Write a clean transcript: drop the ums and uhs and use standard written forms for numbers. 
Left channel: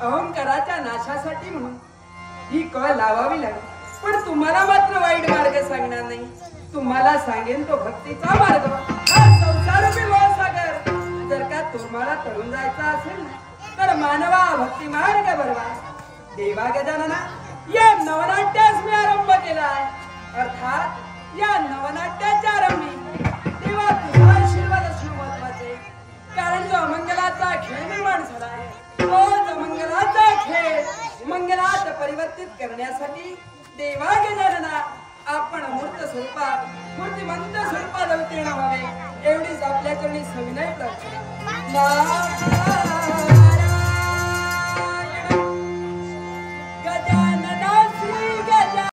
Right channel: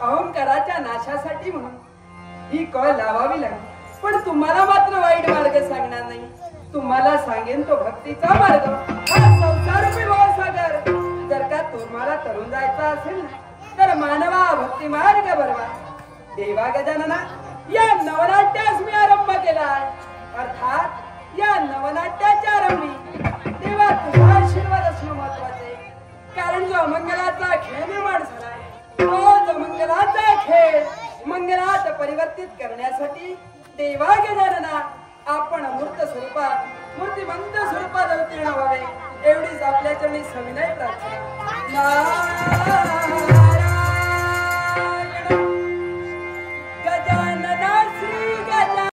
अहंकाराच्या नाशासाठी म्हणून ही कळ लावावी लागली. पण तुम्हाला मात्र वाईट मार्ग सांगणार नाही. तुम्हाला सांगेन तो भक्तीचा मार्ग, हा संसारूपी भवसागर. जर का तुम्हाला तरुण जायचा असेल ना तर मानवा भक्ती मार्ग बरवा. देवा गजानना, या नवनाट्यास मी आरंभ केलाय. अर्थात या नवनाट्याच्या आरंभी देवा तुझा आशीर्वाद असणं महत्वाचे. कारण जो अमंगलाचा खेळ निर्माण झालाय तोच मंगलाचा खेळ मंगलात परिवर्तित करण्यासाठी देवा गजानना आपण मूर्त स्वरूपात मूर्तिमंत स्वरूपात अवतीर्ण व्हावे एवढीच आपल्या चरणी सविनय प्रार्थना.